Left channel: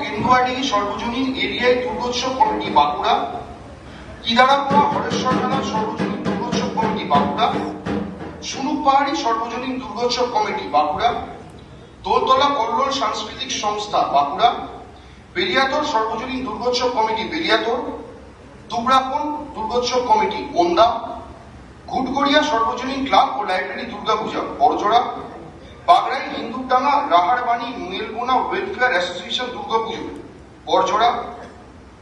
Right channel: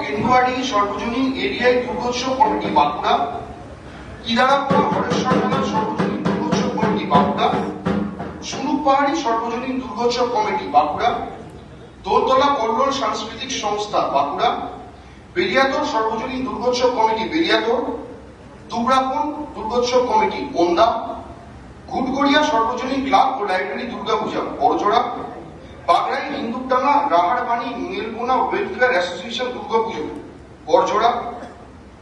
কেন্দুয়াড়ি সর্বজনীন এরিয়ায় দুর্গোৎসব কমিটি বাঁকুড়া, কিদারাপাড়া হরেশ্বর মেলার সর্বজনীন দুর্গোৎসব কমিটি বাঁকুড়া, সুনুক পাহাড়ি সর্বজনীন দুর্গোৎসব কমিটি বাঁকুড়া, দোলতলা কল্লোল সাংস্কৃতিক সংস্থা বাঁকুড়া, বেরিয়াতর সর্বজনীন দুর্গোৎসব কমিটি বেরিয়াতর, দুবরাকোণ দুর্গোৎসব কমিটি কোন্দা, ঘুটগড়িয়া সর্বজনীন ক্লাব ও library Durgapuja Barjora, Bagrai Hindukdanga Raharbani Nilbona welfare association Durgapujo Barjora,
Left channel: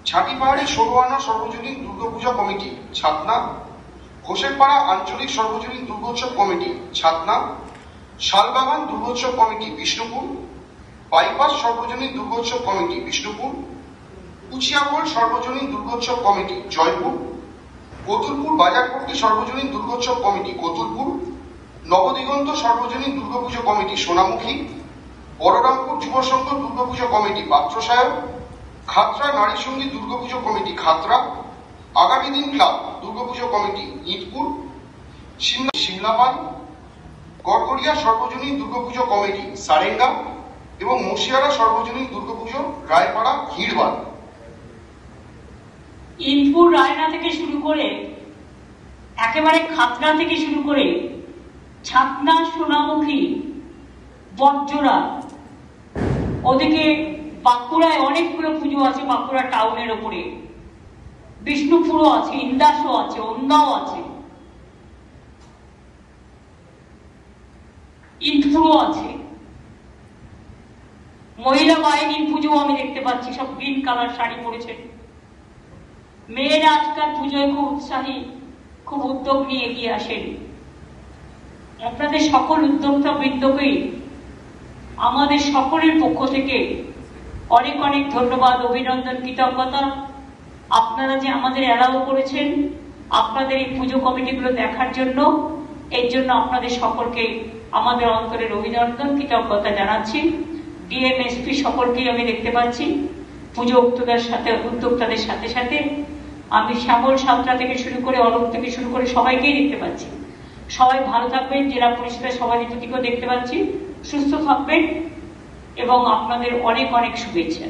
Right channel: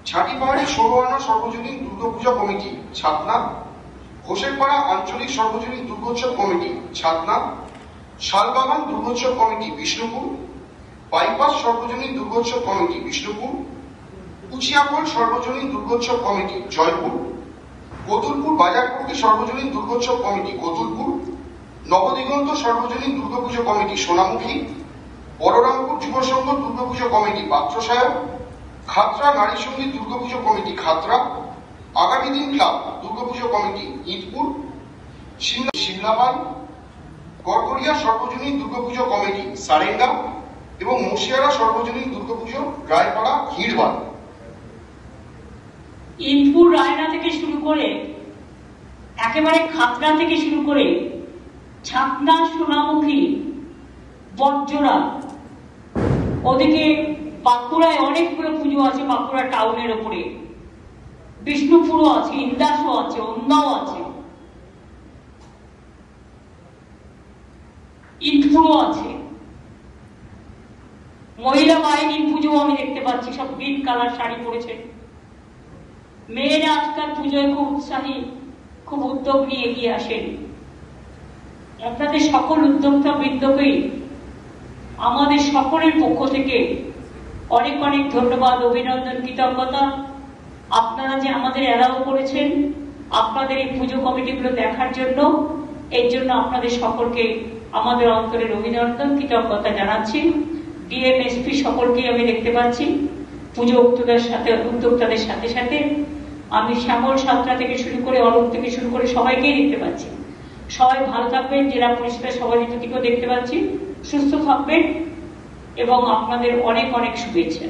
Chhatipahari ষোলোআনা সর্বজনীন দুর্গাপূজা কমিটি ছাতনা, হোসেনপাড়া আঞ্চলিক সর্বজনীন Durgotsav committee Chhatna, Shalbagan Durgotsav committee Bishnupur, bypass সর্বজনীন দুর্গোৎসব কমিটি বিষ্ণুপুর, কুচিয়াকোল সর্বজনীন দুর্গোৎসব কমিটি জয়পুর, কতুলপুর বাজারপট্টি সর্বজনীন দুর্গোৎসব কমিটি কতুলপুর, নবদিগন্ত সর্বজনীন দুর্গাপুজো কমিটি সোনামুখী, বলরামপুর যুব সংঘ দুর্গাপুজো কমিটি পাত্রসায়ক, খাতড়া নারী সঙ্গীত দুর্গাপুজো কমিটি খাতড়া, আগামী দিন ক্লাব দুর্গাপুজো কমিটি ইটপুর, সিমলাপাল, গড়গড়িয়া সর্বজনীন দুর্গাপুজো কমিটি সারেঙ্গা এবং মুশিয়ারা সর্বজনীন দুর্গাপুজো রায়পাড়া হিড়বাদ। ইটপুর রায়না থেকে শুরু করে একেবারে খাতড়া থেকে শুরু করে ছাতনা সোনামুখী বটজোড়া, ওদিকে বাঁকুড়ায় অনেকগুলো পুজো আছে, বাঁকুড়া টাউনের ওপরে বিষ্ণুপুরও আছে, ইন্দাসও আছে, ওন্দাও আছে, ইটপুরও আছে। মহিলা বাহিনীর পুজো আমি দেখতে পাচ্ছি, সব গ্রিন কালার শাড়ি পরেছে। মেয়েরা আজকাল পুজোয় খুব উৎসাহী, খুব উদ্যোগ নিয়ে এগিয়ে আসেন। আপনাদের সকল উদ্যোক্তা বৃন্দকেই আমাদের সকলের পক্ষ থেকে অনেক অনেক ধন্যবাদ, অভিনন্দন, কৃতজ্ঞতা। আপনারা যে আমাদের এলাও করেছেন আপনাদের এই পুজো কমিটিগুলো দেখার জন্য, এর জন্য আপনাদের সকলকে আমাদের অন্তরের অভিনন্দন, কৃতজ্ঞতা জানাচ্ছি। ডিএম এসপি সকলকেই আমি দেখতে পাচ্ছি, পুজো উদ্যোক্তাদের সাথে সাথে আমি শ্যামল সাঁতরা থেকে শুরু করে অলোক থেকে শুরু করে সবাইকেই দেখতে পাচ্ছি। সবাই ভালো থাকবেন, জেলা পরিষদের সভাপতিকেও দেখতে পাচ্ছি, সুস্থ থাকবেন এবং আপনাদের অনেক অনেক শুভেচ্ছা।